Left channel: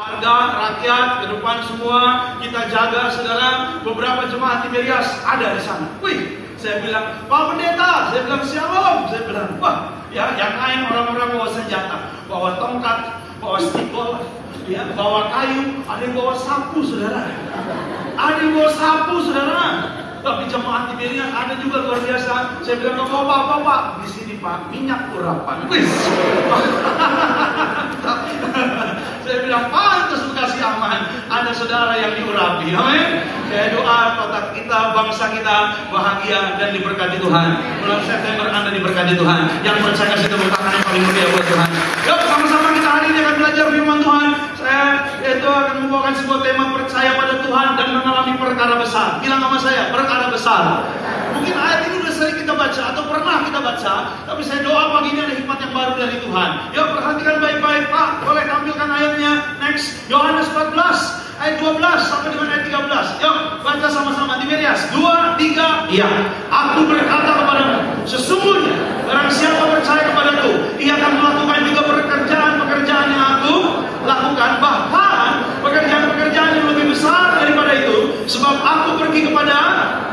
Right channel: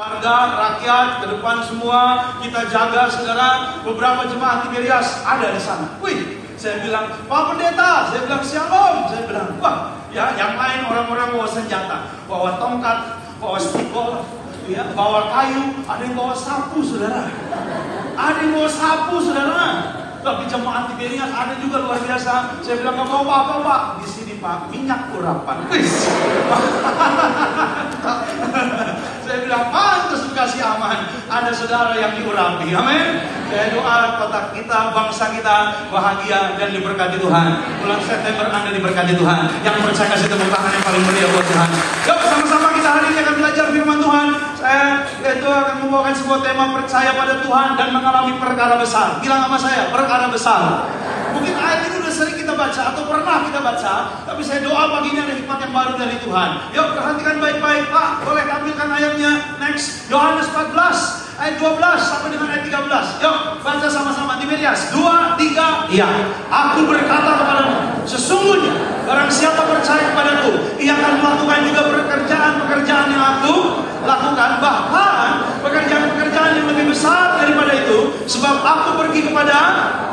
Warga, rakyat, ke depan semua kita jaga, saudara. Beberapa jemaat Tiberias ada di sana. Wih, saya bilang, Pak Pendeta, saya bilang Shalom. Saya bilang, wah, ya, yang lain orang-orang bawa senjata, bawa tongkat, bawa stikol, ya, bawa kayu, ada yang bawa sapu, saudara. Ada yang bawa sapu, saudara. Tapi jemaat Tiberias ada juga luar biasa. Saya bilang, nggak bawa apa-apa, Pak. Di sini, Pak, minyak urapan. Wih. Saya bilang, pantas Bekasi aman. Ada saudara yang diurapi. Amin. Saya doa kota kita, bangsa kita bahagia dan diberkati Tuhan. Bulan September Anda diberkati Tuhan. Yang percaya kasih tepuk tangan yang paling meriah buat Tuhan. Yuk, sama-sama kita hari ini akan belajar firman Tuhan. Saya itu akan membawakan sebuah tema percaya pada Tuhan dan mengalami perkara besar. Bilang sama saya, perkara besar. Mungkin ayat ini udah sering kita baca atau pernah kita baca, tapi saya doa pagi ini ada hikmat yang baru dari Tuhan. Yuk, perhatikan baik-baik, Pak. Boleh tampilkan ayatnya. Next, Yohanes 14 ayat 12 sampai dengan ayat 13. Yuk, baca sama-sama. Tiberias 2, 3. Iya, aku berkata kepadamu, sesungguhnya barang siapa percaya kepadaku, ia akan melakukan juga pekerjaan-pekerjaan yang aku lakukan, bahkan pekerjaan-pekerjaan yang lebih besar daripada itu, sebab aku pergi kepada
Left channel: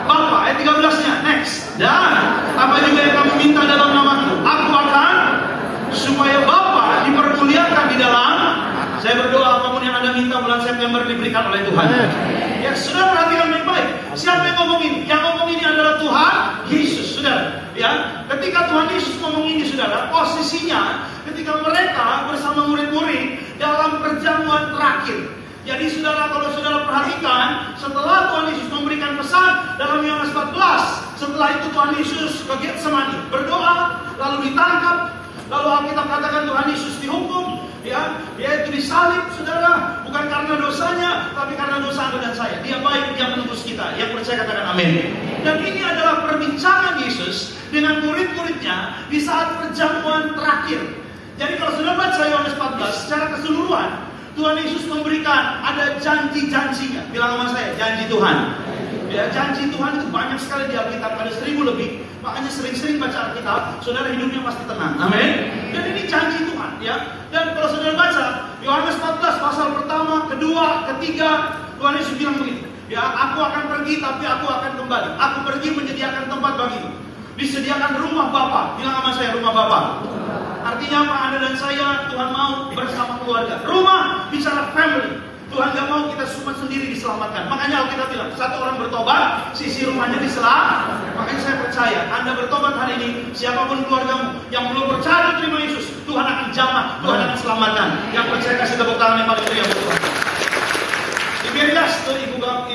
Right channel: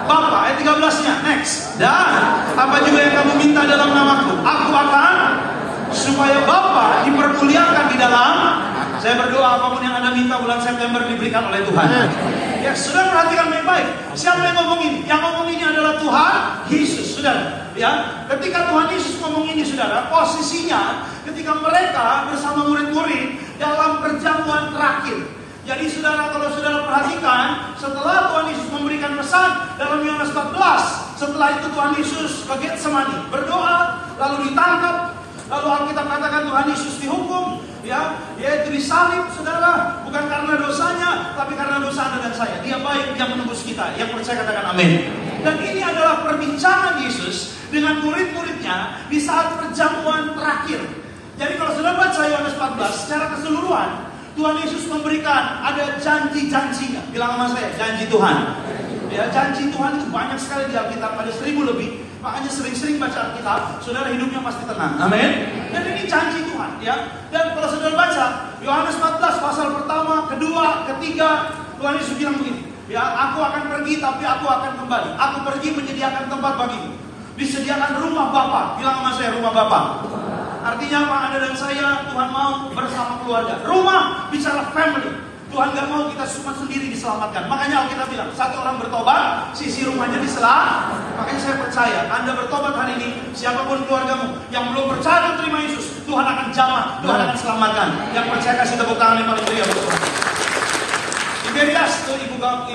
Bapa. Ayat 13-nya. Next. Dan apa juga yang kamu minta dalam namaku, aku akan, supaya Bapa dipermuliakan di dalam. Saya berdoa apapun yang Anda minta bulan September diberikan oleh Tuhan. Ya, sudah perhatikan baik-baik. Siapa yang ngomong ini? Yang ngomong ini adalah Tuhan Yesus, saudara. Ya, ketika Tuhan Yesus ngomong ini, saudara, posisinya ketika mereka bersama murid-murid dalam perjamuan terakhir. Jadi saudara, kalau saudara perhatikan, setelah Tuhan Yesus memberikan pesan dalam Yohanes 14, setelah itu Tuhan Yesus ke Getsemani berdoa, lalu ditangkap, lalu Alkitab katakan Tuhan Yesus dihukum, ya, yaitu disalib, saudara, bukan karena dosanya, tapi karena dosa Anda dan saya. Dia baik, dia menembus kita. Yang percaya katakan amin. Dan ini adalah perbincangan Yesus dengan murid-muridnya di saat perjamuan terakhir. Jadi kalau saudara baca Yohanes 14 secara keseluruhan, Tuhan Yesus memberikan ada janji-janjinya. Bilang sama saya, janji Tuhan. Ya, janji Tuhan itu banyak sekali di Alkitab, ada 1000 lebih. Makanya sering-sering baca Alkitab, saudara hidupnya pasti tenang. Amin. Dan ini janji Tuhan, ya. Dan kalau saudara baca Yohanes 14 pasal pertama, kedua, ketiga, Tuhan Yesus bilang begini, ya, aku akan pergi tapi aku akan kembali. Aku pergi menyediakan tempat bagimu. Disediakan rumah Bapa. Bilang sama saya, rumah Bapa. Artinya apa? Anda dan saya, Tuhan mau bersama keluarga. Rumah bicara family. Tuhan gak mau kita cuma sendiri diselamatkan. Makanya Alkitab bilang, satu orang bertobat, sisi rumahnya diselamatkan. Makanya saya percaya, Anda bertobat hari ini, siapapun keluargamu yang belum percaya terima Yesus, Tuhan akan jamah, Tuhan akan selamatkan. Yang percaya kasih tepuk tangan yang paling meriah buat Tuhan. Tiberias itu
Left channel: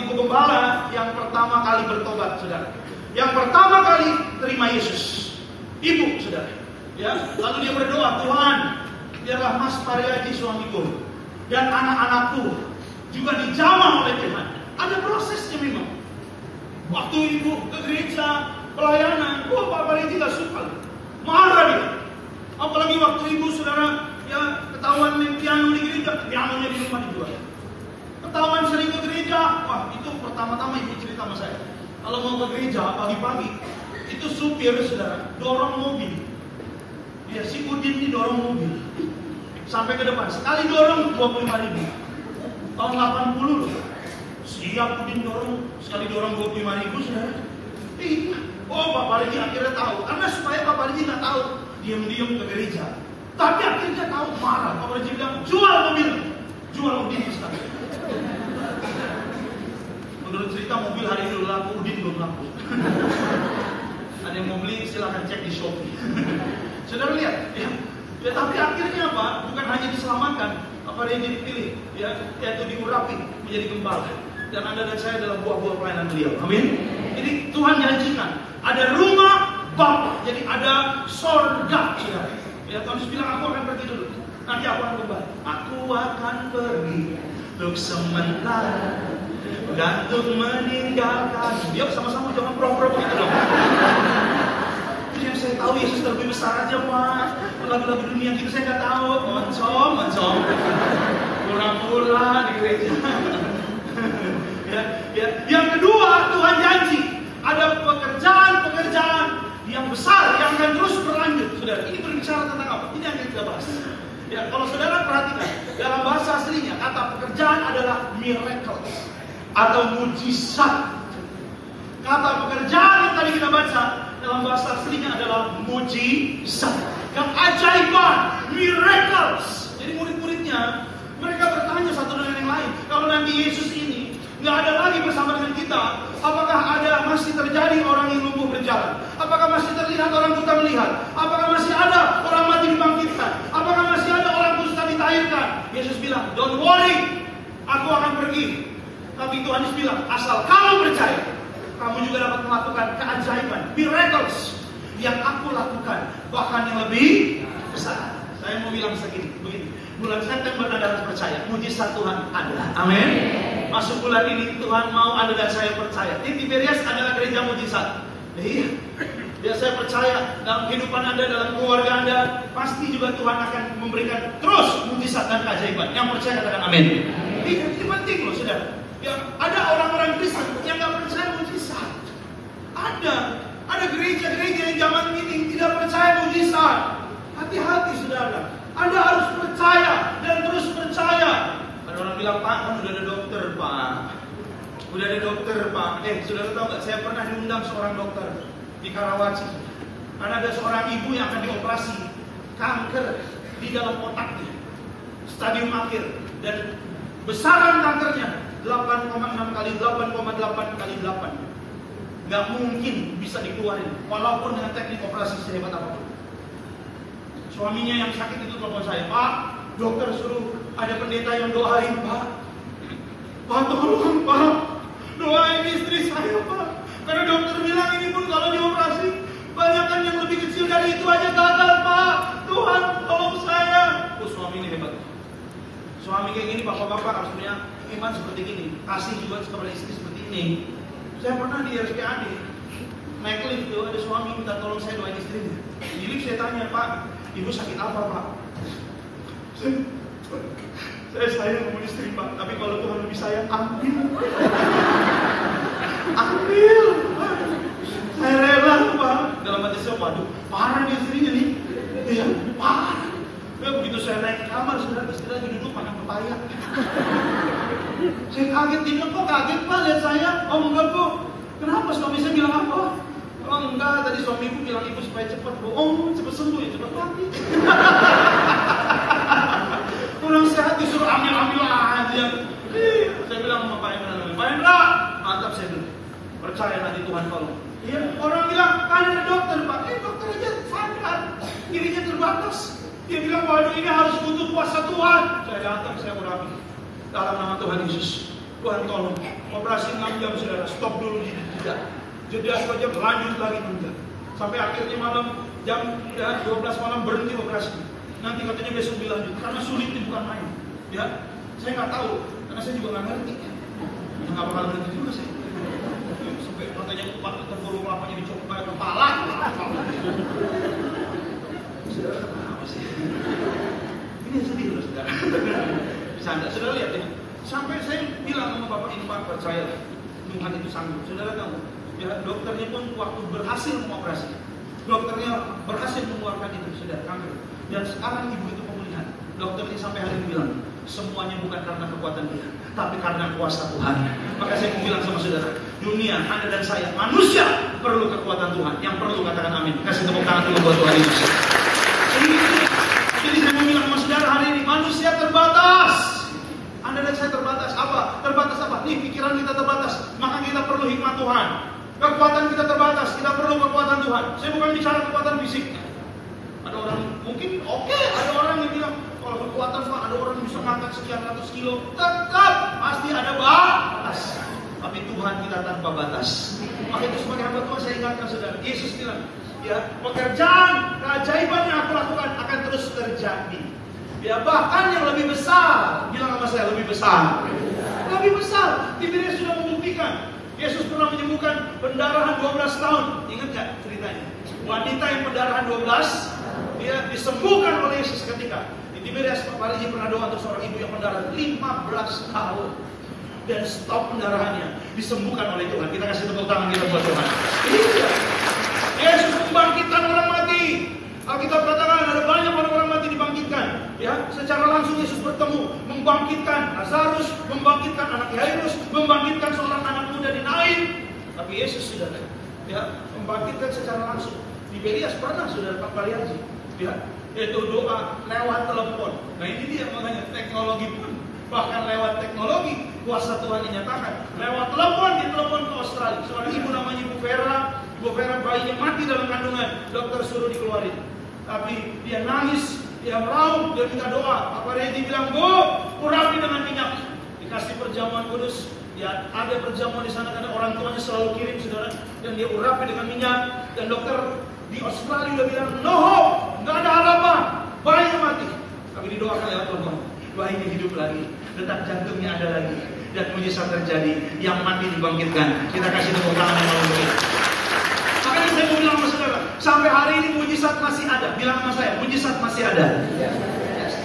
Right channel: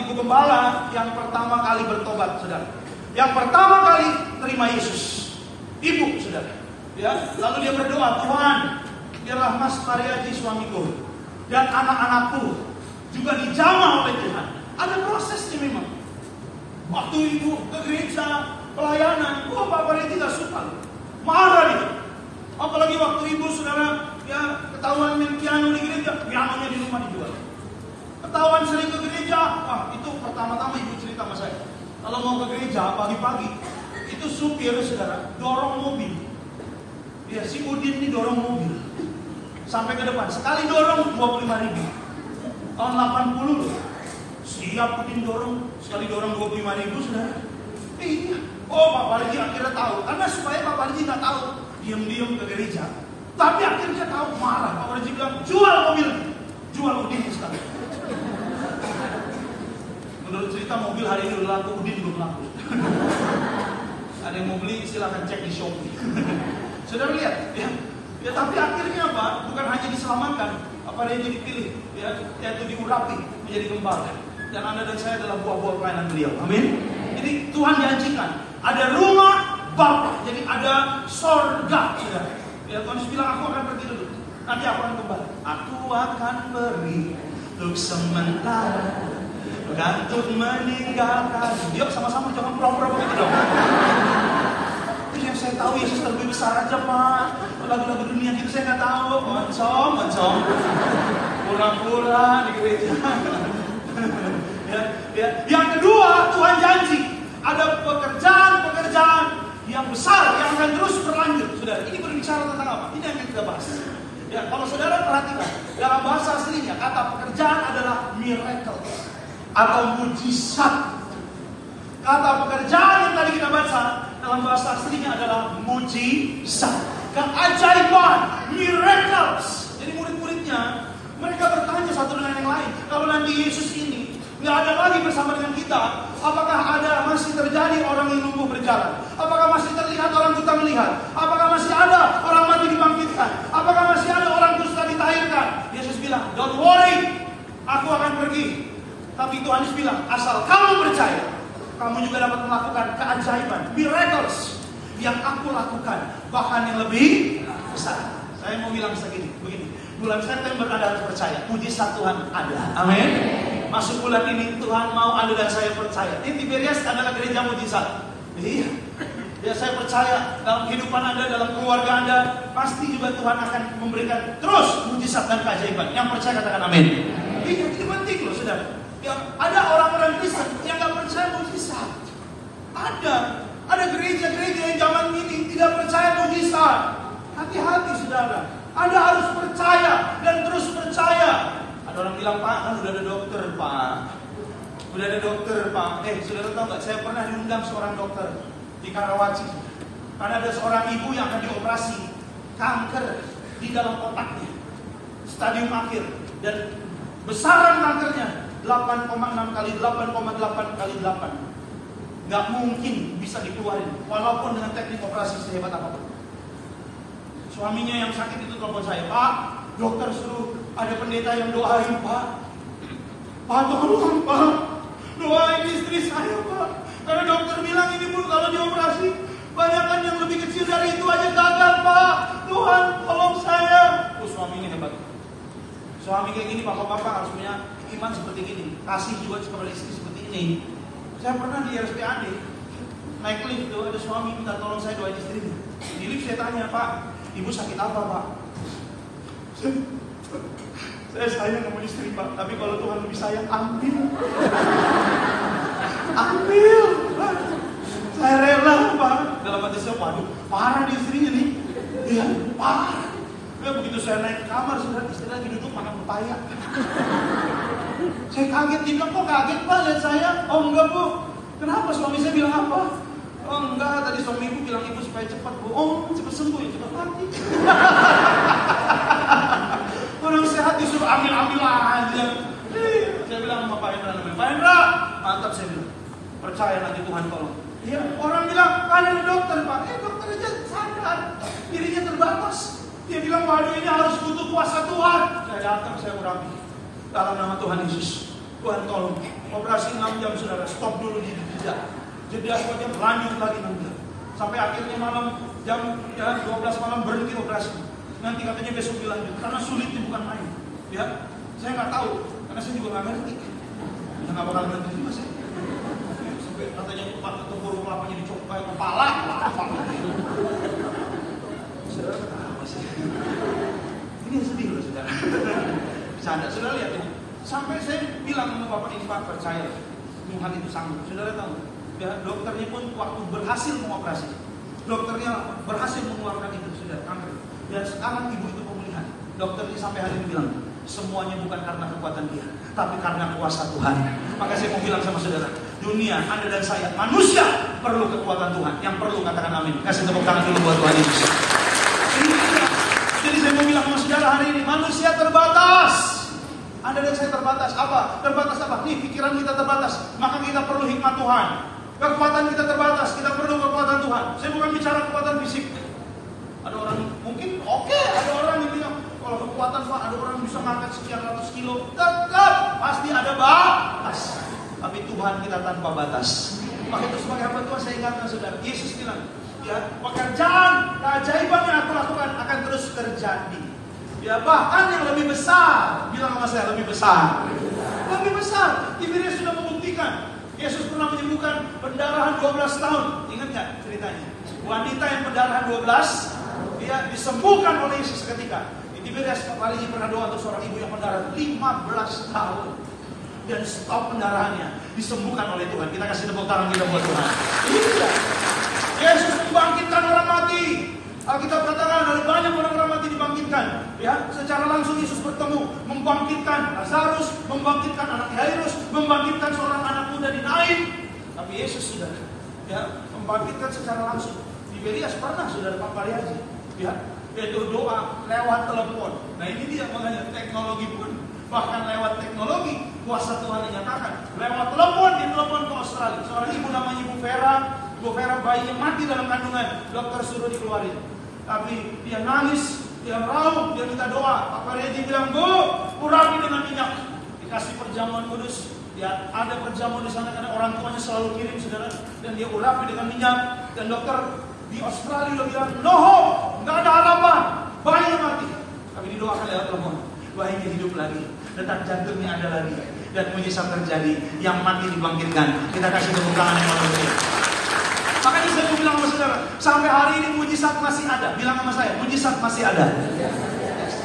ibu gembala yang pertama kali bertobat, saudara. Yang pertama kali terima Yesus, ibu, saudara. Ya, lalu dia berdoa, Tuhan, biarlah Mas Pariaji suamiku dan anak-anakku juga dijamah oleh Tuhan. Ada prosesnya memang. Waktu ibu ke gereja pelayanan, Pak Pariaji gak suka, marah dia. Apalagi waktu ibu, saudara, ya ketahuan main piano di gereja, pianonya di rumah dijual. Ketahuan sering ke gereja, wah itu pertama-tama ibu cerita sama saya. Kalau mau ke gereja pagi-pagi, itu supir, saudara, dorong mobil. Ya, si Udin ini dorong mobil sampai ke depan. Sekali dorong 25.000. Tahun 80 loh. Siap Udin dorong, sekali dorong 25.000, saudara. Iya. Oh, Pak Parji akhirnya tahu. Karena supaya Pak Parji nggak tahu, diam-diam ke gereja. Tapi akhirnya tahu, marah. Pak Parji bilang, jual mobil, jual Udin sekarang. Menurut cerita mobil hari ini udah laku, Udin belum laku. Ada yang mau beli silahkan cek di Shopee. Saudara lihat, ya tapi akhirnya apa? Bukan hanya diselamatkan, apa dia jadi dipilih, ya, yaitu diurapi menjadi gembala. Dan Anda dan saya adalah buah-buah pelayanan beliau. Amin. Jadi Tuhan janjikan ada rumah Bapa, jadi ada sorga, saudara. Ya, Tuhan bilang aku akan pergi dulu, nanti aku akan kembali. Aku akan pergi untuk sementara, bukan untuk meninggalkan. Yuk sama-sama jangan pro-pro begitu dong. Yang saya tahu Yesus terlebih besar aja, Pak. Lagu-lagu dunia gitu saya nggak tahu. Mencong. Pura-pura di gereja. ya. Yang kedua, Tuhan janji ada pekerjaan yang besar yang akan terus berlanjut. Saudara, ini berbicara tentang apa? Ini yang kita bahas. Ya, kalau saudara perhatikan, dalam bahasa aslinya kata pekerjaan adalah miracle atau mujizat. Kata pekerjaan yang tadi kita baca dalam bahasa aslinya adalah mujizat, keajaiban, miracles. Jadi murid-muridnya mereka bertanya satu dengan yang lain, kalau nanti Yesus ini nggak ada lagi bersama dengan kita, apakah ada masih terjadi orang yang lumpuh berjalan? Apakah masih terlihat orang buta melihat? Apakah masih ada orang mati dibangkitkan? Apakah masih ada orang dusta ditahirkan? Yesus bilang, don't worry, aku akan pergi. Tapi Tuhan Yesus bilang, asal kamu percaya, kamu juga dapat melakukan keajaiban, miracles yang aku lakukan, bahkan yang lebih besar. Saya mau bilang begini, bulan September Anda harus percaya, mujizat Tuhan ada. Amin. Masuk bulan ini Tuhan mau Anda dan saya percaya. Tim Tiberias adalah gereja mujizat. Iya. Ya, saya percaya dalam kehidupan Anda, dalam keluarga Anda, pasti juga Tuhan akan memberikan terus mujizat dan keajaiban. Yang percaya katakan amin. Ini penting loh, saudara. Ya, ada orang-orang Kristen yang nggak percaya mujizat. Ada gereja-gereja yang zaman ini tidak percaya mujizat. Hati-hati, saudara. Anda harus percaya dan terus percaya. Ada orang bilang, Pak, kan udah ada dokter, Pak. Udah ada dokter, Pak. Saudara tahu nggak? Saya pernah diundang seorang dokter di Karawaci. Karena ada seorang ibu yang akan dioperasi kanker di dalam otaknya, stadium akhir, dan besaran kankernya 8,6 kali 8,8 kali 8. Nggak mungkin bisa dikeluarin, walaupun dengan teknik operasi sehebat apapun. Suaminya yang sakit itu telepon saya, Pak, dokter suruh ada pendeta yang doain, Pak. Pak, tolong, Pak, doain istri saya, Pak. Karena dokter bilang ini pun kalau dioperasi, banyakkan yang lebih kecil dari itu aja gagal, Pak. Tuhan, tolong saya. Suami ini hebat. Suami kayak gini, bapak-bapak harus punya iman seperti ini. Kasih juga kepada istri seperti ini. Saya pernah di RSPAD, naik lift itu ada suami minta tolong saya doain istrinya. Di lift saya tanya, Pak, ibu sakit apa, Pak? Saya sayang sama istri, Pak. Tapi kalau Tuhan lebih sayang, ambil. Ambil, Pak. Saya rela, Pak. Dalam hati saya, waduh, parah di istrinya nih. Iya, parah. Begitu saya naik ke kamar, sudah istri lagi duduk makan pepaya. Saya kaget, dia bilang, kok kaget, Pak, lihat saya? Oh enggak, Bu. Kenapa? Suami saya bilang apa? Oh enggak, tadi suami ibu bilang ibu supaya cepat, Bu. Oh, cepat sembuh ya, cepat mati. Orang sehat disuruh ambil aja. Saya bilang sama Pak Hendra, mantap, saya bilang, percaya nanti Tuhan tolong. Ya, orang bilang, kan ada dokter, Pak. Dokter aja sadar, dirinya terbatas. Dia bilang, waduh, ini harus butuh kuasa Tuhan. Saya datang, saya urapi. Dalam nama Tuhan Yesus, Tuhan tolong. Operasi 6 jam, saudara, stop dulu di jeda 2 jam, lanjut lagi 6 jam. Sampai akhirnya malam, jam 12 malam berhenti operasi. Nanti katanya besok dilanjut, karena sulitnya bukan main. Ya, saya nggak tahu, karena saya juga nggak ngerti. Ya nggak bakal ngerti juga sih. Sampai katanya tempur kelapanya dicopot kayak kepala. Saudara apa sih? Ini sedih loh, saudara. Bercanda, saudara lihat ini. Sampai saya bilang sama Bapak ini, Pak, percayalah, Tuhan itu sanggup. Saudara tahu, ya dokternya pun waktu berhasil mengoperasi, dokternya berhasil mengeluarkan itu, saudara, kanker. Dan sekarang ibu itu pemulihan. Dokternya sampai hari ini bilang, semuanya bukan karena kekuatan dia, tapi karena kuasa Tuhan. Maka saya mau bilang sama saudara, dunia, Anda dan saya, manusia perlu kekuatan Tuhan. Yang perlu katakan amin. Kasih tepuk tangan dulu buat Tuhan Yesus. Jadi saya mau bilang sama saudara hari ini, manusia terbatas. Anda dan saya terbatas. Apa? Terbatas apa? Nih, pikiran kita terbatas. Maka kita perlu hikmat Tuhan. Kekuatan kita terbatas. Kita perlu kekuatan Tuhan. Saya bukan bicara kekuatan fisik. Ada orang mungkin oke, ada orang yang bilang kalau kekuatan Pak, ada orang yang bisa ngangkat sekian ratus kilo. Tetap pasti ada batas. Tapi Tuhan kita tanpa batas. Maka itu sebagai hamba Tuhan saya ingatkan saudara, Yesus bilang, ya, pekerjaan keajaiban yang aku lakukan akan terus terjadi. Ya, bahkan yang lebih besar. Bilang sama saya, lebih besar. Lebih besar. Tiberias sudah membuktikan. Yesus pernah menyembuhkan pendarahan 12 tahun. Ingat gak ceritanya? Wanita yang pendarahan 12, dia disembuhkan oleh Yesus seketika. Di Tiberias Paraliji pernah doa untuk seorang ibu yang pendarahan 15 tahun. Dan stop pendarahannya. Disembuhkan oleh Tuhan. Kita kasih tepuk tangan kita buat Tuhan. Iya. Yesus membangkitkan orang mati. Alkitab katakan ada banyak orang mati dibangkitkan. dibangkitkan. Ya, secara langsung Yesus bertemu, membangkitkan Lazarus, membangkitkan anak Yairus, membangkitkan seorang anak muda di Nain. Tapi Yesus sudah, ya, membangkitkan secara langsung. Di Belias pernah saudara Pak Pariaji, ya, yaitu doa lewat telepon. Nah ini dia makanya teknologi pun, bahkan lewat teknologi kuasa Tuhan dinyatakan. Lewat telepon, dia telepon ke Australia. Seorang ibu namanya Ibu Vera bayinya mati dalam kandungan, dokter suruh dikeluarin. Tapi dia nangis, dia meraung, dia minta doa. Pak Pariaji bilang, Bu, urapi dengan minyak. Dikasih perjamuan kudus. Ya, ada perjamuan di sana karena orang tuanya selalu kirim saudara, dan dia urapi dengan minyak. Dan dokter di Australia udah bilang, no hope, nggak ada harapan, bayinya mati. Tapi didoakan lewat telepon, bayinya hidup lagi, detak jantungnya ada lagi, dan mujizat terjadi, yang mati dibangkitkan. Kita kasih tepuk tangan yang paling baik. Makanya saya mau bilang sama saudara, sampai hari ini mujizat masih ada. Bilang sama saya, mujizat masih ada.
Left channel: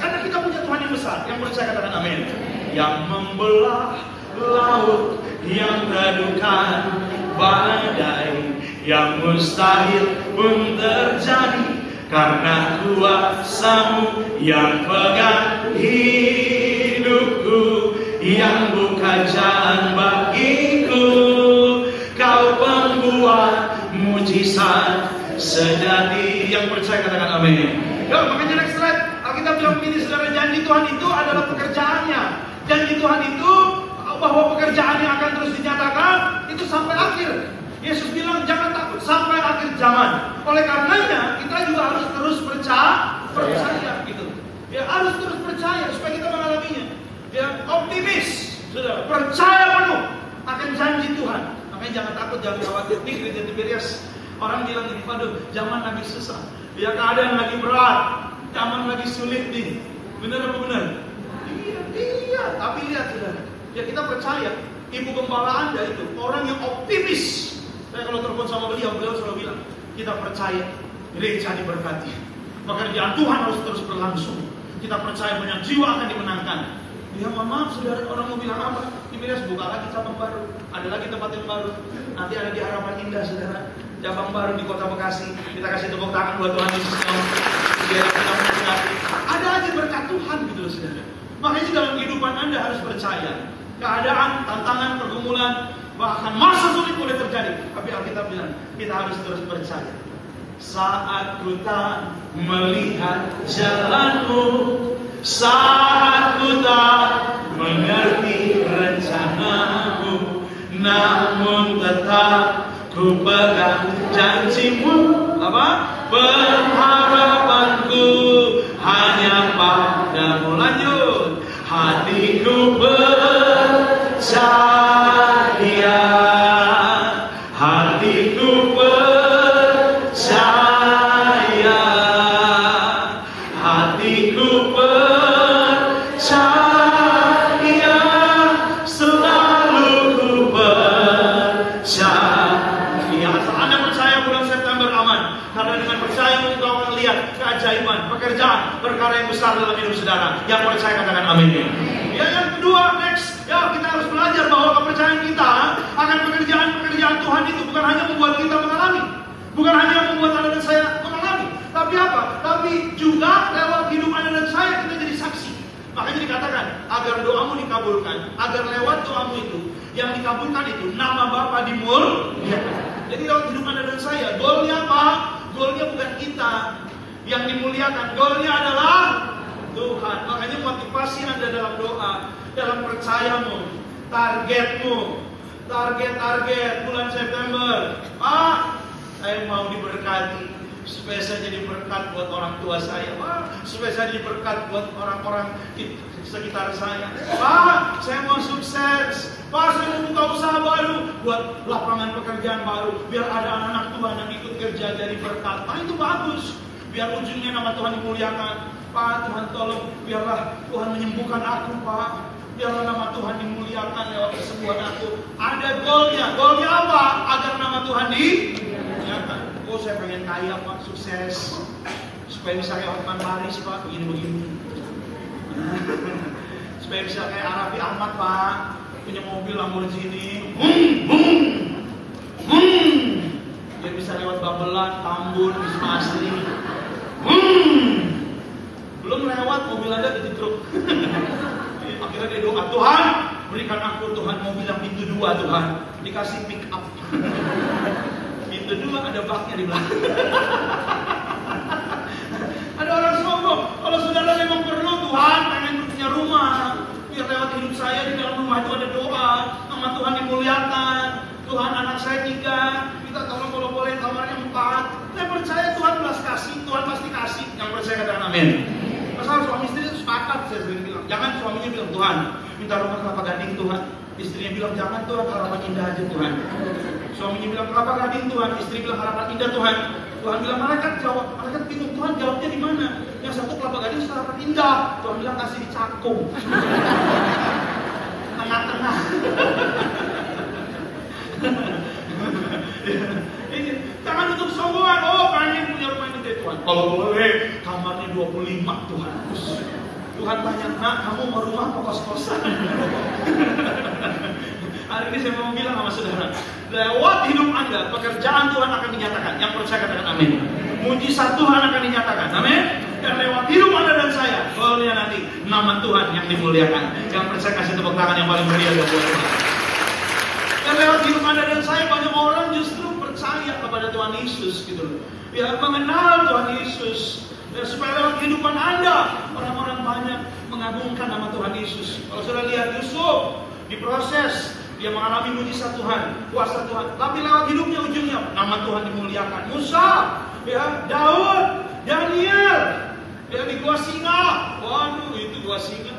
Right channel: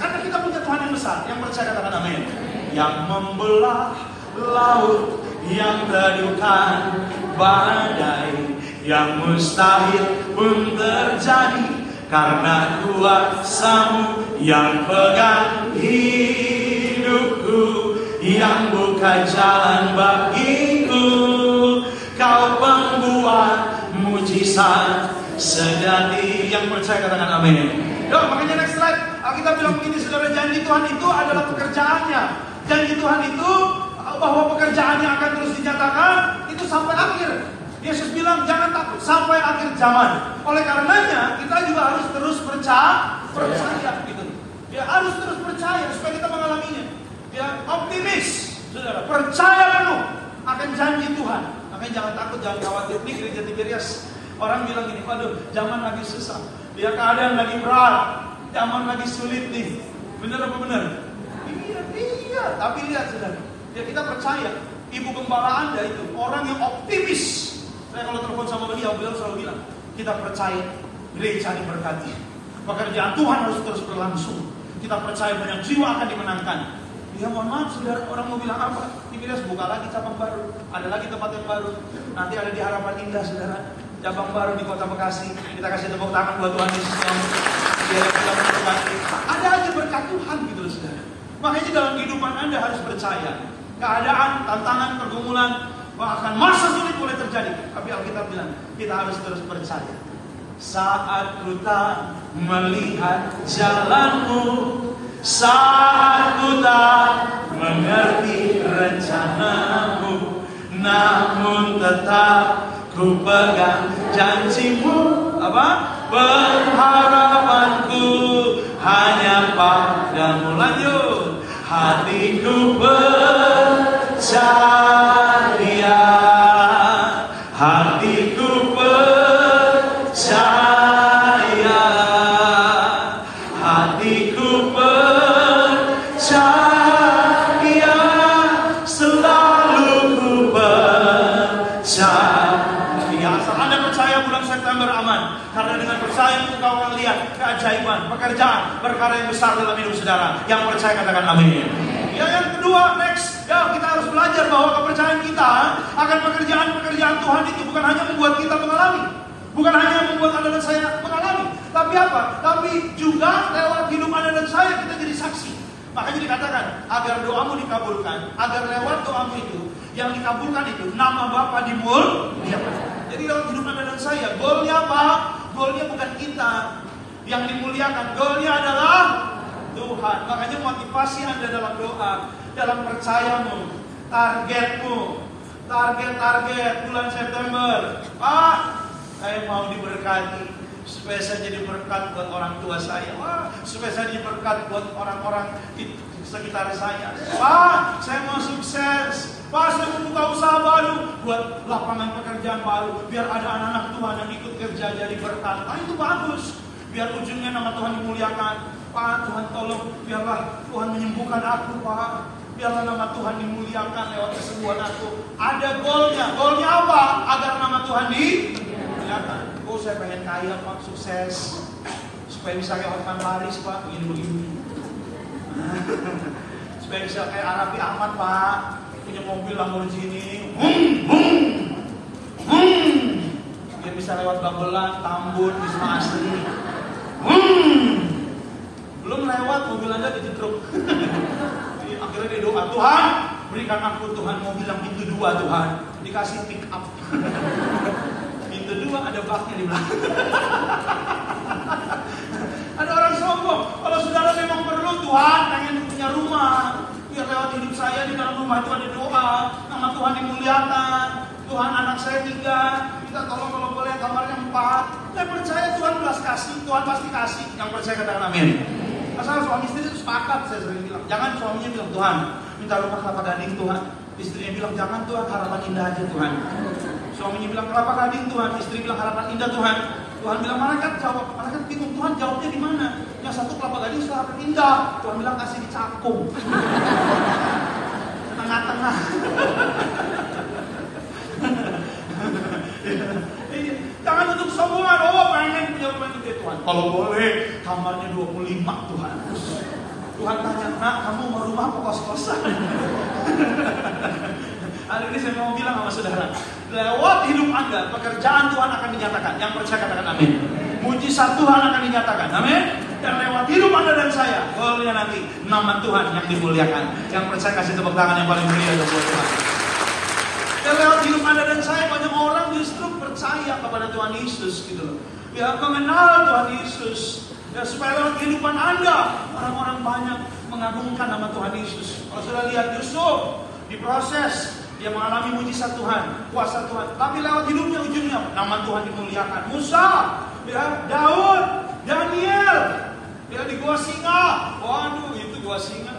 Karena kita punya Tuhan yang besar, yang percaya katakan amin. Yang membelah laut, yang teduhkan badai, yang mustahil pun terjadi karena kuasa-Mu yang pegang hidupku, yang buka jalan bagiku. Kau pembuat mujizat sejati. Yang percaya katakan amin. Yuk, makanya next slide. Alkitab bilang begini saudara, janji Tuhan itu adalah pekerjaannya. Janji Tuhan itu bahwa pekerjaannya akan terus dinyatakan itu sampai akhir. Yesus bilang jangan takut sampai akhir zaman. Oleh karenanya kita juga harus terus percaya gitu. Ya, harus terus percaya supaya kita mengalaminya. Ya, optimis, saudara, percaya penuh akan janji Tuhan. Makanya jangan takut, jangan khawatir. Nih gereja Tiberias, orang bilang ini, waduh, zaman lagi susah. Ya, keadaan lagi berat, zaman lagi sulit nih. Benar apa benar? Iya. Tapi lihat saudara, ya kita percaya. Ibu gembala Anda itu orang yang optimis. Saya kalau telepon sama beliau selalu bilang, kita percaya gereja diberkati, pekerjaan Tuhan harus terus berlangsung. Kita percaya banyak jiwa akan dimenangkan. Ya mohon maaf saudara, orang mau bilang apa? Tiberias buka lagi cabang baru, ada lagi tempat yang baru. Nanti ada di Harapan Indah saudara, cabang baru di Kota Bekasi. Kita kasih tepuk tangan buat Tuhan Yesus. Dia sedang memberkati. Ada aja berkat Tuhan gitu loh saudara. Makanya dalam kehidupan Anda harus percaya. Keadaan, tantangan, pergumulan, bahkan masa sulit boleh terjadi. Tapi Alkitab bilang, kita harus terus percaya. Saat ku tak melihat jalanmu, saat ku tak mengerti rencanamu, namun tetap ku pegang janjimu. Apa? Pengharapanku hanya padamu. Lanjut. Hatiku percaya, hatiku percaya, hatiku percaya, selalu ku percaya. Asal Anda percaya bulan September aman, karena dengan percaya engkau akan lihat keajaiban, pekerjaan, perkara yang besar dalam hidup saudara. Yang percaya katakan amin. Ya, yang kedua, next, ya kita harus belajar bahwa kepercayaan kita akan pekerjaan-pekerjaan Tuhan itu bukan hanya membuat kita mengalami, bukan hanya membuat Anda dan saya mengalami, tapi apa? Tapi juga lewat hidup Anda dan saya kita jadi saksi. Makanya dikatakan agar doamu dikabulkan, agar lewat doamu itu yang dikabulkan itu nama Bapa dimuliakan. Jadi lewat hidup Anda dan saya, goalnya apa? Goalnya bukan kita yang dimuliakan, goalnya adalah Tuhan. Makanya motivasi Anda dalam doa, dalam percayamu, targetmu, target bulan September. Pak, saya mau diberkati supaya saya jadi berkat buat orang tua saya. Pak, supaya saya jadi berkat buat orang-orang di sekitar saya. Pak, saya mau sukses. Pak, saya mau buka usaha baru, buat lapangan pekerjaan baru, biar ada anak-anak Tuhan yang ikut kerja jadi berkat. Nah, itu bagus. Biar ujungnya nama Tuhan dimuliakan. Pak, Tuhan tolong, biarlah Tuhan menyembuhkan aku, Pak. Biarlah nama Tuhan dimuliakan lewat kesembuhan aku. Ada goalnya. Goalnya apa? Agar nama Tuhan dimuliakan. Oh, saya pengen kaya, Pak, sukses. Supaya bisa kayak Hotman Paris, Pak, begini-begini. Supaya bisa kayak Arabi Ahmad, Pak, punya mobil Lamborghini. Biar bisa lewat Babelan, Tambun, Wisma Asri. Belum lewat mobil Anda dijedruk. Akhirnya dia doa, Tuhan berikan aku, Tuhan mau bilang pintu 2 Tuhan. Dikasih pick up. Pintu 2 ada baknya di belakang. Ada orang sombong. Kalau saudara memang perlu, Tuhan pengen punya rumah, biar lewat hidup saya di dalam rumah itu ada doa, nama Tuhan dimuliakan. Tuhan anak saya 3, minta tolong kalau boleh kamarnya 4. Saya percaya Tuhan belas kasih, Tuhan pasti kasih. Yang percaya katakan amin. Masalah suami istri itu sepakat, saya sering bilang. Jangan suaminya bilang, Tuhan minta rumah Kelapa Gading Tuhan. Istrinya bilang, jangan Tuhan, harapan indah aja Tuhan. Suaminya bilang, Kelapa Gading Tuhan. Istri bilang, harapan indah Tuhan. Tuhan bilang, malaikat jawab. Malaikat bingung, Tuhan jawabnya di mana? Yang satu Kelapa Gading, harapan indah. Tuhan bilang, kasih di Cakung. Tengah-tengah. Jangan untuk sombongan. Oh, pengen punya rumah ini Tuhan. Kalau boleh, kamarnya 25 Tuhan. Tuhan tanya, nak, kamu mau rumah apa kos-kosan? Hari ini saya mau bilang sama saudara, lewat hidup Anda, pekerjaan Tuhan akan dinyatakan. Yang percaya katakan amin. Mujizat Tuhan akan dinyatakan, amin. Dan lewat hidup Anda dan saya, boleh nanti nama Tuhan yang dimuliakan. Yang percaya kasih tepuk tangan yang paling mulia buat Tuhan. Dan lewat hidup Anda dan saya, banyak orang justru percaya kepada Tuhan Yesus gitu loh. Ya, mengenal Tuhan Yesus. Ya, supaya lewat kehidupan Anda, orang-orang banyak mengagungkan nama Tuhan Yesus. Kalau sudah lihat Yusuf, diproses, dia mengalami mujizat Tuhan, kuasa Tuhan. Tapi lewat hidupnya ujungnya, nama Tuhan dimuliakan. Musa, ya, Daud, Daniel, ya di gua singa. Waduh, itu gua singa.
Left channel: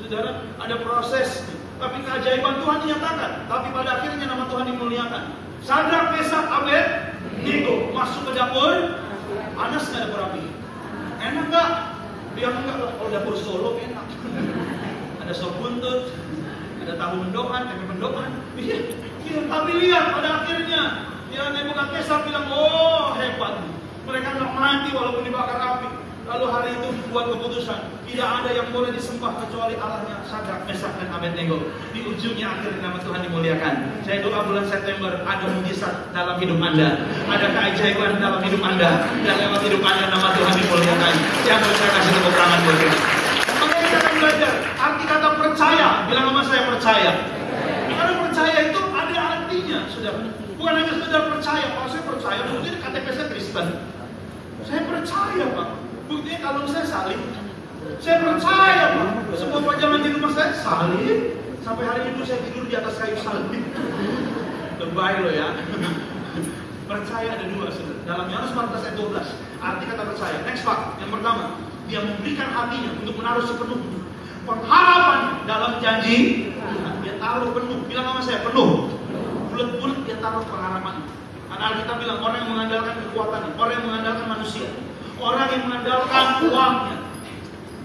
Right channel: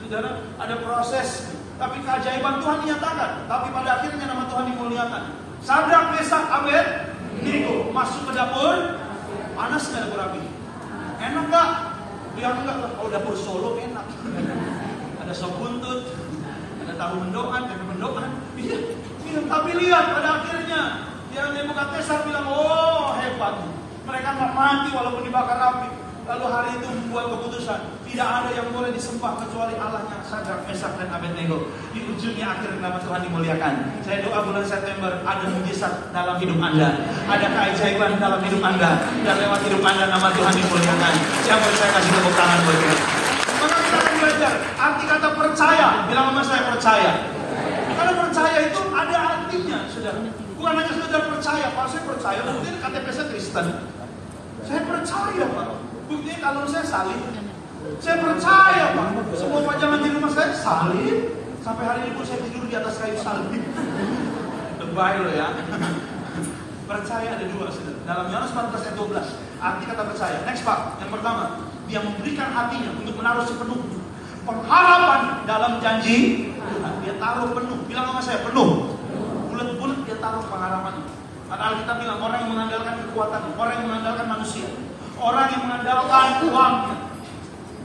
Saudara, ada proses. Tapi keajaiban Tuhan dinyatakan. Tapi pada akhirnya nama Tuhan dimuliakan. Sadrak, Mesak, Abednego masuk ke dapur. Panas nggak dapur api? Enak nggak? Dia enggak. Kalau dapur Solo enak. Ada sop buntut, ada tahu mendoan, tempe mendoan. Iya. Tapi lihat pada akhirnya, ya Nebukadnezar bilang, oh hebat. Mereka nggak mati walaupun dibakar api. Lalu hari itu membuat keputusan, tidak ada yang boleh disembah kecuali Allahnya Sadrak, Mesak, dan Abednego. Di ujungnya akhirnya nama Tuhan dimuliakan. Saya doa bulan September ada mujizat dalam hidup Anda, ada keajaiban dalam hidup Anda, dan lewat hidup Anda nama Tuhan dimuliakan. Yang percaya kasih tepuk tangan buat kita. Maka kita akan belajar arti kata percaya. Bilang sama saya percaya. Karena percaya itu ada artinya, sudah. Bukan hanya sekedar percaya. Pak, saya percaya, mungkin KTP saya Kristen. Saya percaya, Pak. Buktinya kalau saya salib, saya percaya Pak. Semua pajangan di rumah saya salib. Sampai hari ini pun saya tidur di atas kayu salib. Lebay loh ya. Percaya ada 2 saudara. Dalam Yohanes 14 ayat 12. Arti kata percaya. Next Pak. Yang pertama, dia memberikan hatinya untuk menaruh sepenuh pengharapan dalam janji Tuhan. Dia taruh penuh. Bilang sama saya penuh. Bulat-bulat dia taruh pengharapan. Karena kita bilang orang yang mengandalkan kekuatannya, orang yang mengandalkan manusia, orang yang mengandalkan uangnya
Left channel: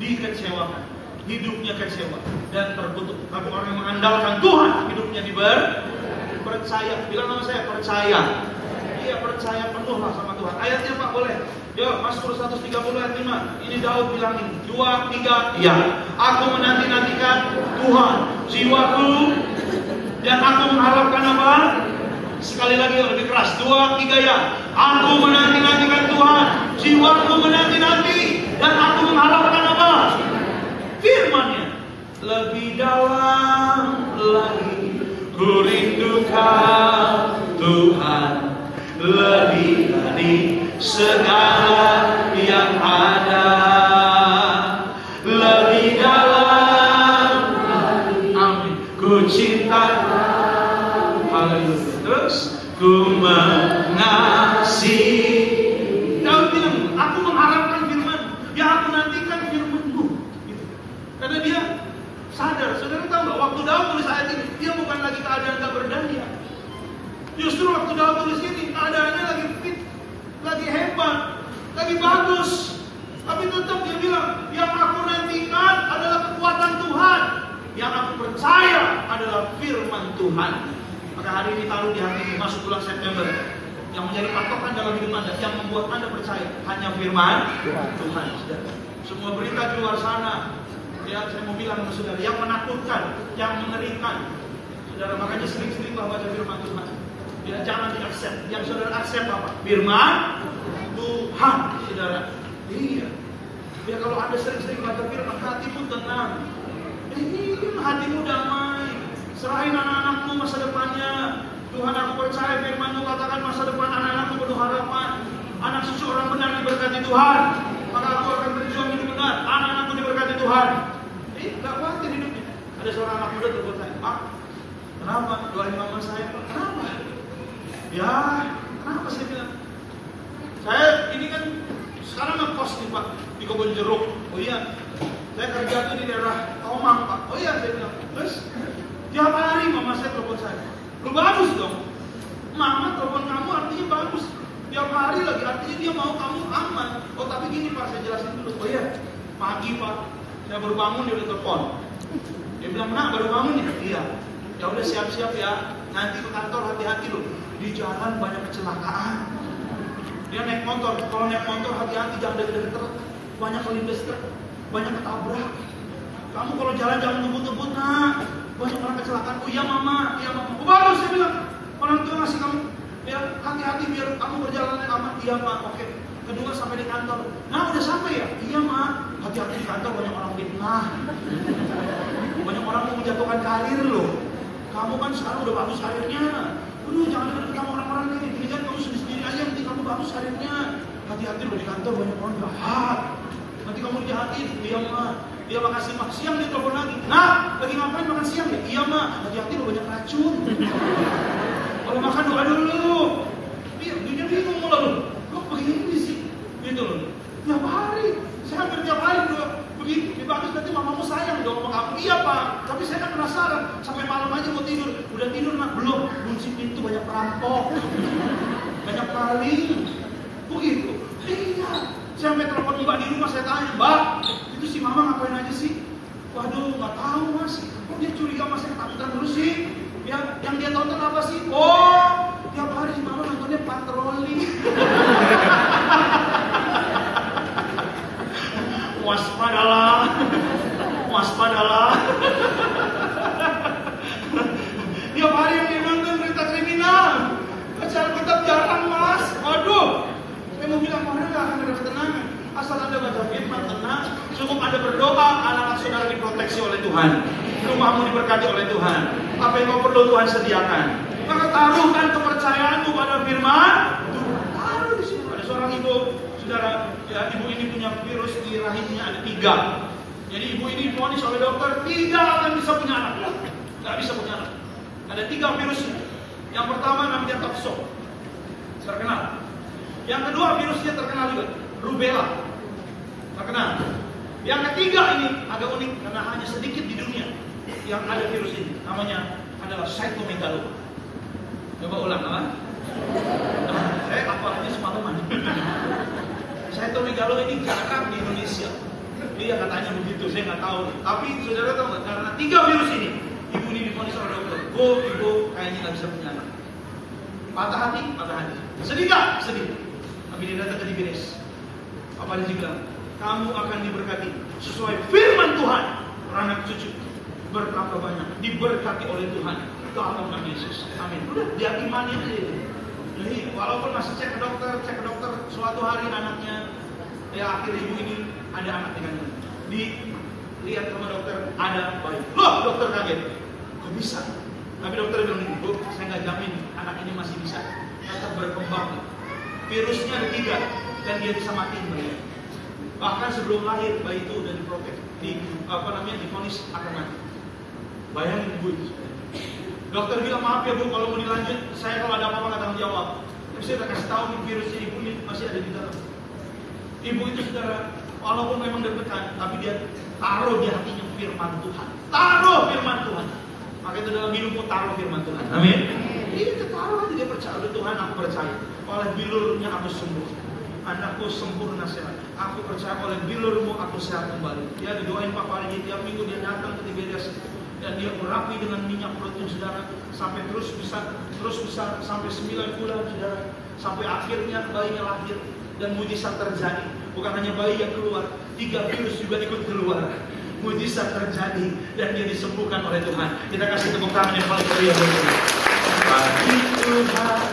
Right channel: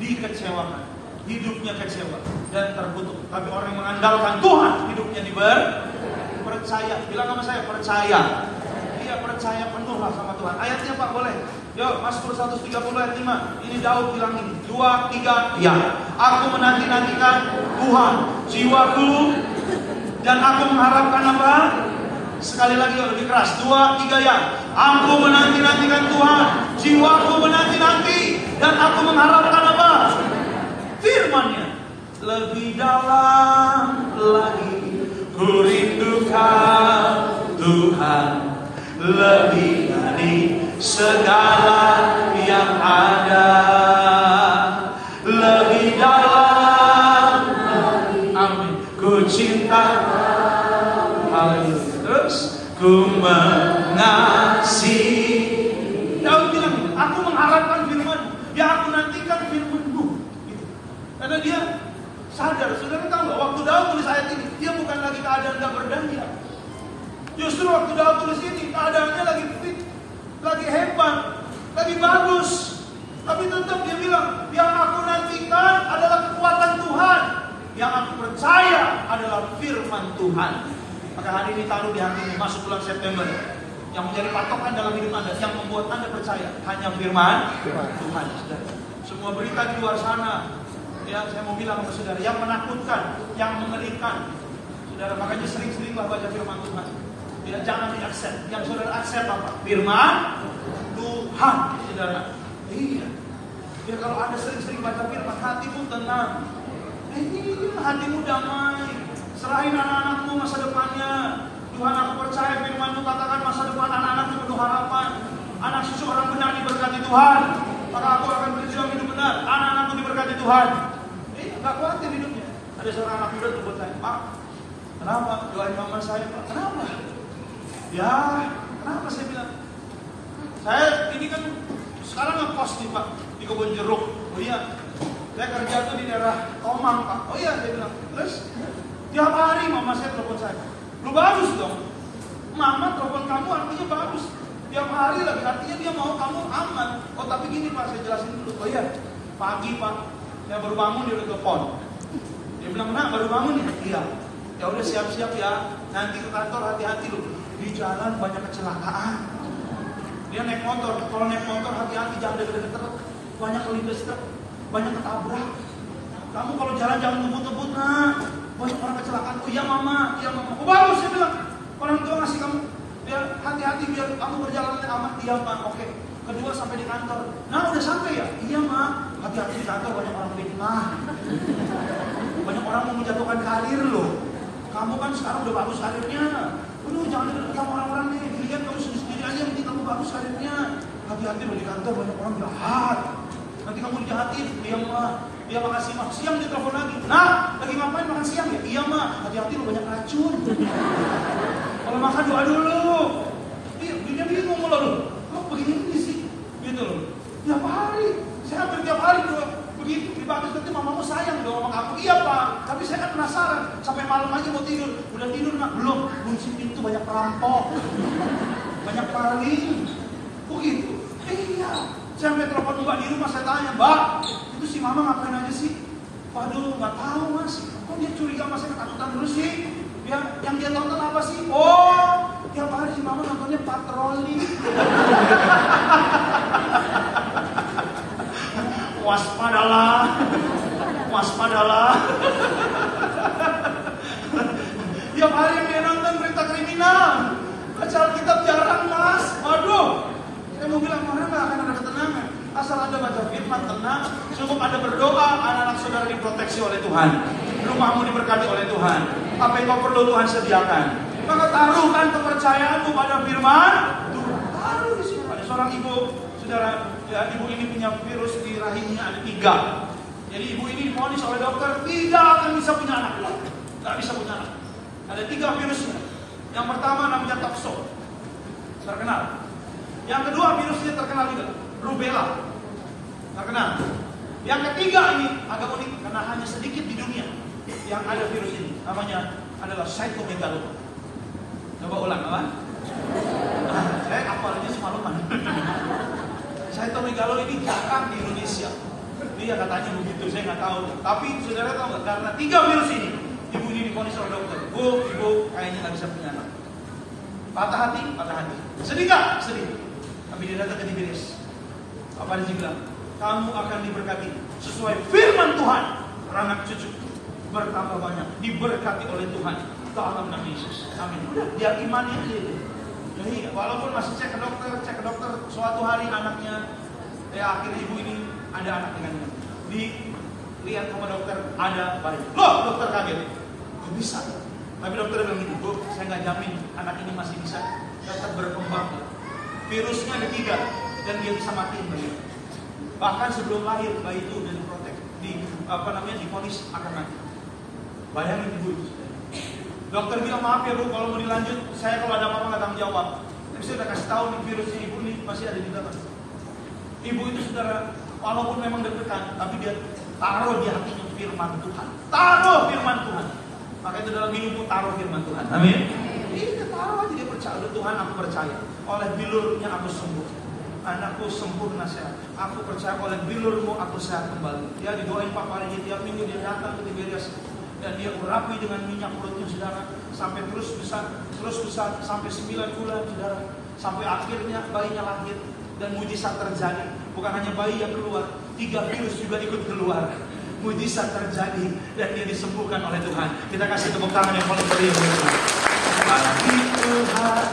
dikecewakan, hidupnya kecewa dan terkutuk. Tapi orang yang mengandalkan Tuhan, hidupnya percaya. Bilang sama saya percaya. Iya, percaya penuhlah sama Tuhan. Ayatnya Pak boleh. Yo, Mazmur 130 ayat 5. Ini Daud bilang ini. 2, 3, ya. Aku menanti-nantikan Tuhan, jiwaku, dan aku mengharapkan apa? Sekali lagi lebih keras. 2, 3 ya. Aku menanti-nantikan Tuhan, jiwaku menanti-nanti, dan aku mengharapkan apa? Firman-Nya. Lebih dalam lagi ku rindukan Tuhan, lebih dari segala yang ada. Lebih dalam amin ku cinta. Haleluya. Terus ku mengasihi. Daud bilang, aku mengharapkan firman, ya aku nantikan firman-Mu. Gitu. Karena dia sadar, saudara tahu nggak? Waktu Daud tulis ayat ini, dia bukan lagi keadaan tak berdaya. Justru waktu Daud tulis ini, keadaannya lagi fit, lagi hebat, lagi bagus. Tapi tetap dia bilang, yang aku nantikan adalah kekuatan Tuhan, yang aku percaya adalah firman Tuhan. Maka hari ini taruh di hatimu, masuk bulan September, yang menjadi patokan dalam hidup Anda, yang membuat Anda percaya hanya firman Tuhan. Semua berita di luar sana, yang saya mau bilang sama saudara, yang menakutkan, yang mengerikan, saudara, makanya sering-seringlah baca firman Tuhan. Ya, jangan diakses. Yang saudara akses apa? Firman Tuhan, saudara. Iya. Biar kalau Anda sering-sering baca firman, hatimu tenang. Hatimu damai. Serahin anak-anakmu masa depannya. Tuhan, aku percaya firman-Mu katakan masa depan anak-anakku penuh harapan. Anak cucu orang benar diberkati Tuhan. Maka aku akan berjuang hidup benar. Anak-anakku diberkati Tuhan. Gak khawatir hidupnya. Ada seorang anak muda telepon saya, Pak, kenapa? Doain mama saya, Pak. Kenapa? Ya, kenapa saya bilang? Saya ini kan sekarang ngekos nih, Pak, di Kebun Jeruk. Oh iya, saya kerja tuh di daerah Tomang, Pak. Oh iya, saya bilang. Terus tiap hari mama saya telepon saya. Lu bagus dong. Mama telepon kamu artinya bagus. Tiap hari lagi artinya dia mau kamu aman. Oh tapi gini Pak, saya jelasin dulu. Oh iya, pagi Pak, saya baru bangun dia udah telepon. Dia bilang, nah baru bangun nih. Iya. Ya udah siap-siap ya. Nanti ke kantor hati-hati loh. Di jalan banyak kecelakaan. Dia naik motor. Kalau naik motor hati-hati, jangan deket-deket truk. Banyak kelindes truk, banyak ketabrak. Kamu kalau jalan jangan ngebut-ngebut, nak. Banyak orang kecelakaan. Oh iya mama, iya mama. Oh bagus, saya bilang. Orang tua ngasih kamu. Ya hati-hati biar kamu berjalan aman. Iya mak, oke. Kedua sampai di kantor. Nah udah sampai ya? Iya mak. Hati-hati di kantor banyak orang fitnah. Banyak orang mau menjatuhkan karir loh. Kamu kan sekarang udah bagus karirnya. Aduh jangan deket sama orang-orang nih. Ini kan kamu sendiri aja yang penting kamu bagus karirnya. Hati-hati loh di kantor banyak orang jahat. Nanti kamu dijahatin. Iya mak. Iya makasih mak. Siang dia telepon lagi. Nah lagi ngapain makan siang ya? Iya mak. Hati-hati loh banyak racun. Kalau makan doa dulu. Dia bingung malah loh. Kok begini sih? Gitu loh. Tiap hari. Saya hampir tiap hari doa. Begitu, bagus nanti mamamu sayang dong sama kamu. Iya Pak, tapi saya kan penasaran. Sampai malam aja mau tidur. Udah tidur nak? Belum. Kunci pintu banyak perampok. Banyak maling. Begitu. Iya. Saya sampai telepon mbak di rumah, saya tanya, Mbak, itu si mama ngapain aja sih? Waduh, nggak tahu mas. Kok dia curiga mas, saya ketakutan terus sih? Ya, yang dia tonton apa sih? Oh, tiap hari si mama nontonnya patroli. Waspadalah, waspadalah. Tiap hari yang dia nonton berita kriminal. Baca Alkitab jarang mas. Waduh, saya mau bilang mana nggak akan ada ketenangan. Asal Anda baca firman tenang, cukup Anda berdoa, anak-anak saudara diproteksi oleh Tuhan. Rumahmu diberkati oleh Tuhan. Apa yang kau perlu Tuhan sediakan. Maka taruhkan kepercayaanmu pada firman Tuhan. Taruh di sini. Ada seorang ibu, saudara, ya, ibu ini punya virus di rahimnya ada 3. Jadi ibu ini divonis oleh dokter tidak akan bisa punya anak. Tidak bisa punya anak. Ada 3 virusnya. Yang pertama namanya toxo, terkenal. Yang kedua virusnya terkenal juga, rubella, terkenal. Yang ketiga ini agak unik karena hanya sedikit di dunia yang ada virus ini. Namanya adalah cytomegalo. Coba ulang apa? Saya hafalnya semalaman. Cytomegalo ini jarang di Indonesia. Iya katanya begitu, saya nggak tahu. Tapi saudara tahu nggak? Karena 3 virus ini, ibu ini divonis oleh dokter. Ibu kayaknya nggak bisa punya anak. Patah hati, patah hati. Sedih nggak? Sedih. Tapi dia datang ke Diberes. Apa dia bilang? Kamu akan diberkati sesuai firman Tuhan. Anak cucu bertambah banyak, diberkati oleh Tuhan dalam nama Yesus. Amin. Udah, dia imani aja itu. Jadi walaupun masih cek ke dokter, suatu hari anaknya, ya akhirnya ibu ini ada anak dengan dilihat sama dokter ada bayi. Loh, dokter kaget. Kok bisa? Tapi dokter bilang gini, Bu, saya nggak jamin anak ini masih bisa tetap berkembang. Virusnya ada 3 dan dia bisa matiin bayi. Bahkan sebelum lahir bayi itu udah diprotek, divonis akan mati. Bayangin ibu itu. Dokter bilang maaf ya Bu, kalau mau dilanjut, saya kalau ada apa-apa nggak tanggung jawab. Tapi saya udah kasih tahu nih virusnya ibu ini masih ada di dalam. Ibu itu saudara, walaupun memang deg-degan, tapi dia taruh di hatinya firman Tuhan. Taruh firman Tuhan. Maka itu dalam hidupmu taruh firman Tuhan. Amin. Ini dia taruh aja, dia percaya. Udah Tuhan, aku percaya. Oleh bilurnya aku sembuh. Anakku sempurna sehat. Aku percaya oleh bilurmu aku sehat kembali. Dia didoain Pak Parigi tiap minggu dia datang ke Tiberias. Dan dia urapi dengan minyak protein saudara. Sampai terus bisa sampai 9 bulan saudara. Sampai akhirnya bayinya lahir. Dan mujizat terjadi. Bukan hanya bayi yang keluar, 3 virus juga ikut keluar. Mujizat terjadi dan dia disembuhkan oleh Tuhan. Kita kasih tepuk tangan yang paling meriah. Bagi Tuhan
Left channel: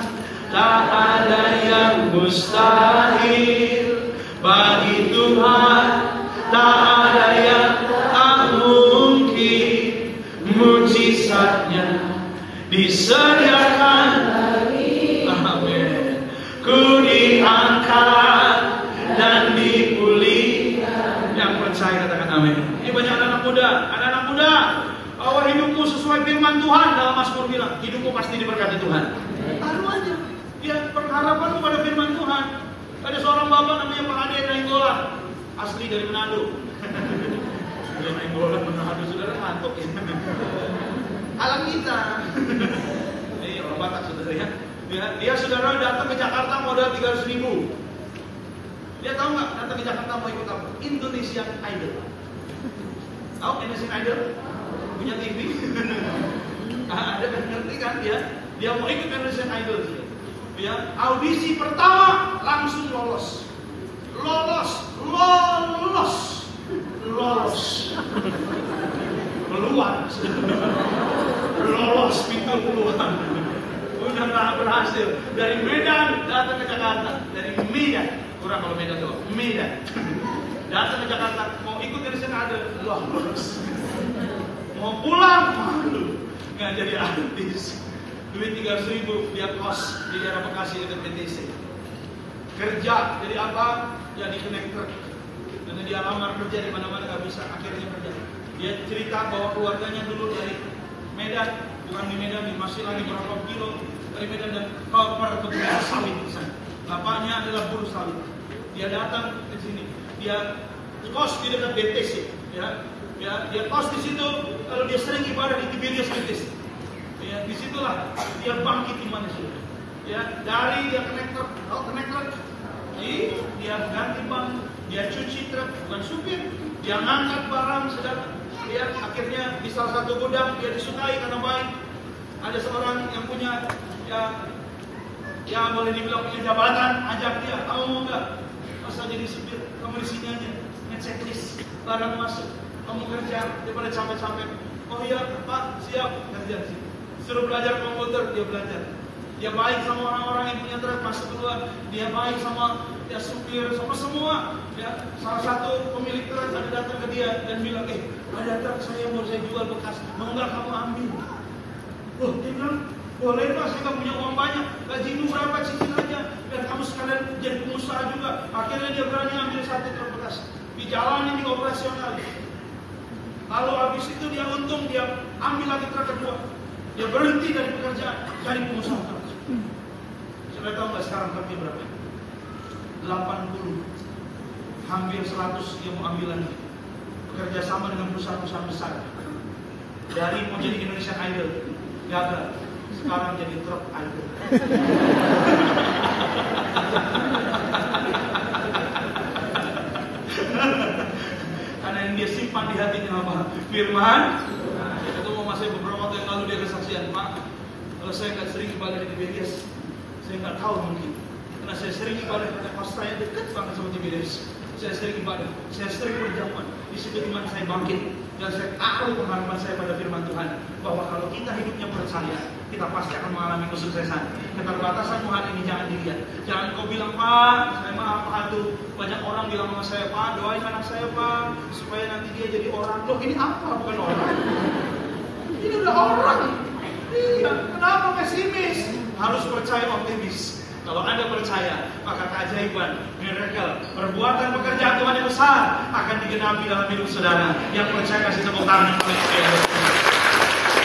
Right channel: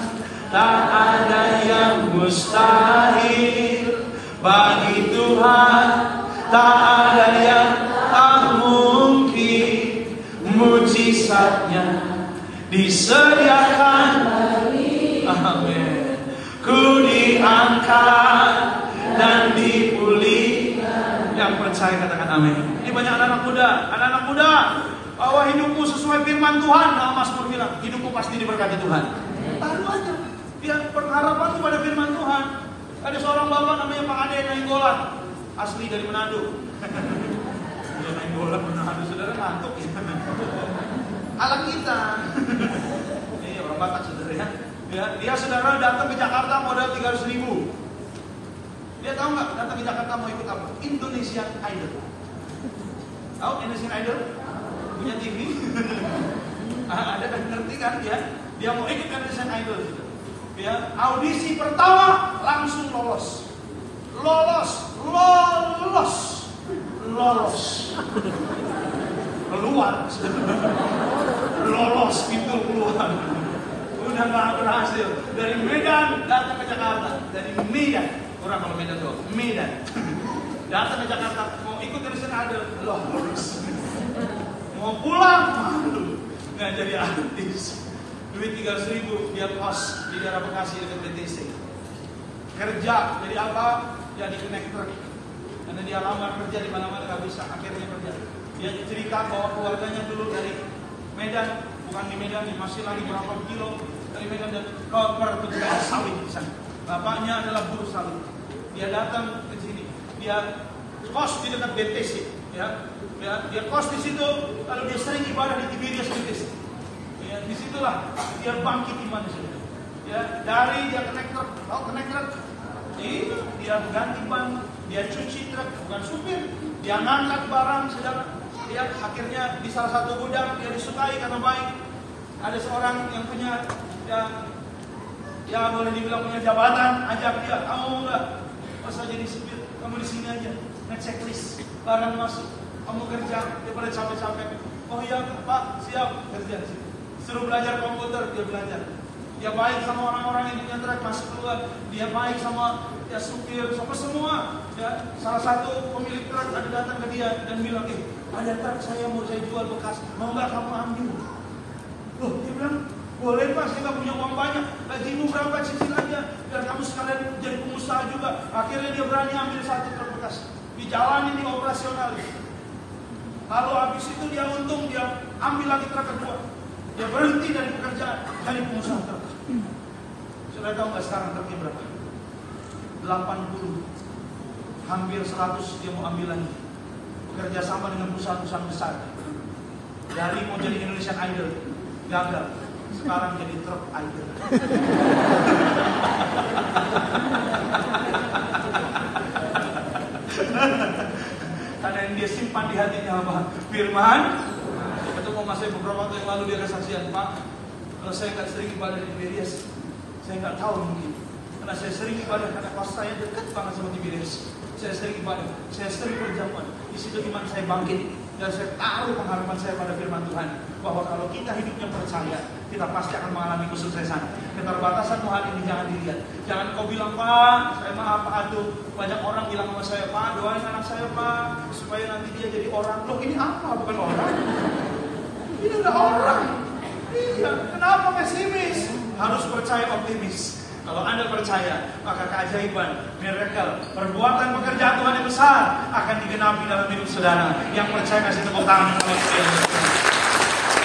tak ada yang mustahil. Bagi Tuhan tak ada yang tak mungkin. Mujizatnya disediakan. Amin. Ku diangkat dan dipulihkan. Yang percaya katakan amin. Ini banyak anak-anak muda, bahwa hidupmu sesuai firman Tuhan. Dalam Mazmur bilang, hidupmu pasti diberkati Tuhan. Taruh aja, ya pengharapanmu pada firman Tuhan. Ada seorang bapak namanya Pak Ade Nainggolan, asli dari Manado. Dia Nainggolan Manado, saudara ngantuk ya. Alam kita. Ini orang Batak saudara ya. Dia saudara datang ke Jakarta modal 300.000. Dia tahu nggak datang ke Jakarta mau ikut apa? Indonesian Idol. Tahu Indonesian Idol? Punya TV? Ada kan ngerti kan dia? Dia mau ikut Indonesian Idol. Ya, audisi pertama langsung lolos. Keluar. Lolos pintu keluar. Udah nggak berhasil. Dari Medan datang ke Jakarta. Dari Medan, orang kalau Medan tuh Medan. Datang ke Jakarta mau ikut Indonesian Idol, lolos. Mau pulang malu. Nggak jadi artis. Duit 300.000 dia kos di daerah Bekasi dekat BTC. Kerja jadi apa? Jadi connector. Karena dia lamar kerja di mana-mana nggak bisa, akhirnya kerja. Dia cerita bahwa keluarganya dulu dari Medan, bukan di Medan, masih lagi berapa kilo dari Medan dan ke perkebunan sawit di sana. Bapaknya adalah buruh sawit. Dia datang ke sini, dia kos di dekat BTC, ya, dia kos di situ, lalu dia sering ibadah di Tiberias BTC. Ya, disitulah dia bangkit imannya saudara. Ya, dari dia connector, dia ganti ban, dia cuci truk, bukan supir, dia ngangkat barang saudara. Dia akhirnya di salah satu gudang dia disukai karena baik. Ada seorang yang punya ya boleh dibilang punya jabatan, ajak dia, kamu mau nggak? Masa jadi supir, kamu di sini aja, ngecek list barang masuk, kamu kerja daripada capek-capek. Oh iya Pak, siap kerja sih. Suruh belajar komputer, dia belajar. Dia baik sama orang-orang yang punya truk masuk keluar. Dia baik sama ya supir, sama semua. Ya, salah satu pemilik truk ada datang ke dia dan bilang, ada truk saya mau saya jual bekas, mau nggak kamu ambil? Oh, dia bilang, boleh Pak, saya nggak punya uang banyak. Gajimu berapa, cicil aja, biar kamu sekalian jadi pengusaha juga. Akhirnya dia berani ambil satu truk bekas, dijalanin di operasional. Lalu habis itu dia untung, dia ambil lagi truk kedua. Dia berhenti dari pekerjaan, jadi pengusaha truk. Sudah tahu nggak sekarang truknya berapa? 80, hampir 100 dia mau ambil lagi. Bekerja sama dengan perusahaan-perusahaan besar. Dari mau jadi Indonesian Idol, gagal. Sekarang jadi truk idol. Karena yang dia simpan di hatinya apa? Firman. Ketemu mas saya beberapa waktu yang lalu dia kesaksian, Pak, kalau saya nggak sering ibadah di Tiberias, saya nggak tahu mungkin. Karena saya sering ibadah karena pastornya dekat banget sama Tiberias. Saya sering ibadah, saya sering berjamaah. Di situ iman saya bangkit dan saya taruh pengharapan saya pada firman Tuhan bahwa kalau kita hidupnya percaya, kita pasti akan mengalami kesuksesan. Keterbatasanmu hari ini jangan dilihat. Jangan kau bilang, Pak, saya maaf Pak Atu. Banyak orang bilang sama saya, Pak, doain anak saya Pak, supaya nanti dia jadi orang. Loh ini apa? Bukan orang. Ini udah orang. Iya, kenapa pesimis? Harus percaya optimis. Kalau Anda percaya, maka keajaiban, miracle, perbuatan pekerjaan Tuhan yang besar akan digenapi dalam hidup saudara. Yang percaya kasih tepuk tangan yang paling keren.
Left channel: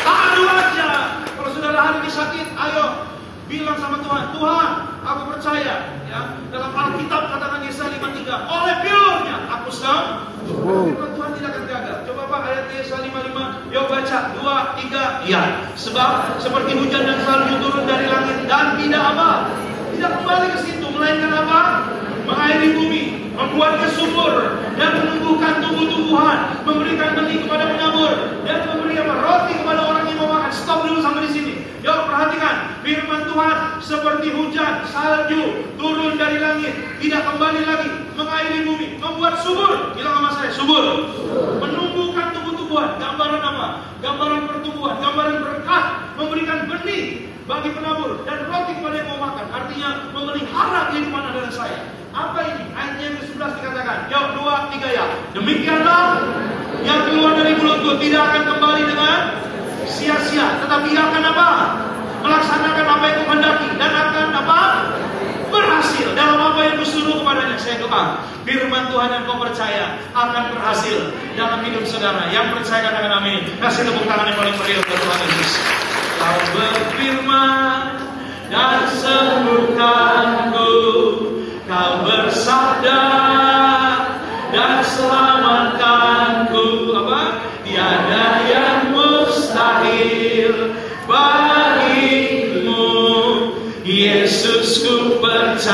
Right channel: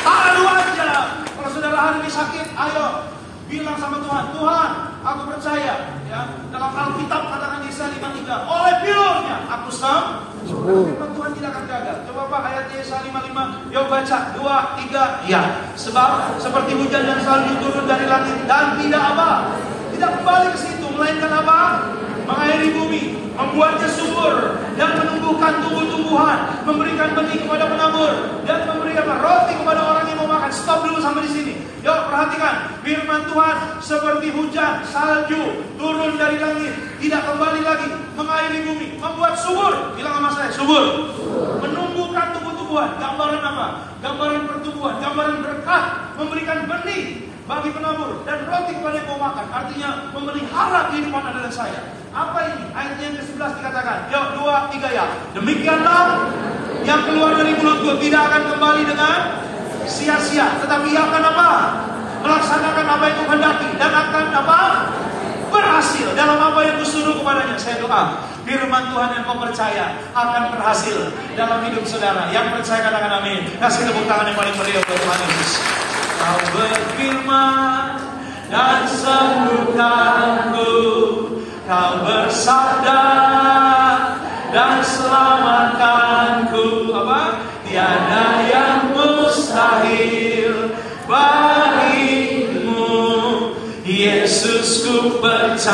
Adu aja. Kalau saudara hari ini sakit, ayo bilang sama Tuhan, Tuhan, aku percaya. Ya, dalam Alkitab katakan Yesaya 53, oleh pure-nya aku sembuh. Firman Tuhan tidak akan gagal. Coba Pak ayat Yesaya 55, yuk baca 2, 3, ya. Sebab seperti hujan dan salju turun dari langit dan tidak apa? Tidak kembali ke situ, melainkan apa? Mengairi bumi, membuatnya subur dan menumbuhkan tumbuh-tumbuhan, memberikan benih kepada penabur dan memberi apa? Roti kepada orang yang mau makan. Stop dulu sampai di sini. Yuk perhatikan, firman Tuhan seperti hujan, salju turun dari langit, tidak kembali lagi, mengairi bumi, membuat subur. Bilang sama saya, subur. Menumbuhkan tumbuh-tumbuhan. Gambaran apa? Gambaran pertumbuhan, gambaran berkah, memberikan benih bagi penabur dan roti kepada yang mau makan. Artinya memelihara kehidupan Anda dan saya. Apa ini? Ayat yang ke-11 dikatakan, yuk 2, 3 ya. Demikianlah yang keluar dari mulutku tidak akan kembali dengan sia-sia, tetapi ia akan apa? Melaksanakan apa yang kuhendaki dan akan apa? Berhasil dalam apa yang kusuruh kepadanya. Saya doa, firman Tuhan yang kau percaya akan berhasil dalam hidup saudara. Yang percaya katakan amin. Kasih tepuk tangan yang paling meriah buat Tuhan Yesus. Kau berfirman dan sembuhkanku, kau bersabda dan selamatkanku. Apa? Tiada yang mustahil bagimu, Yesus ku percaya.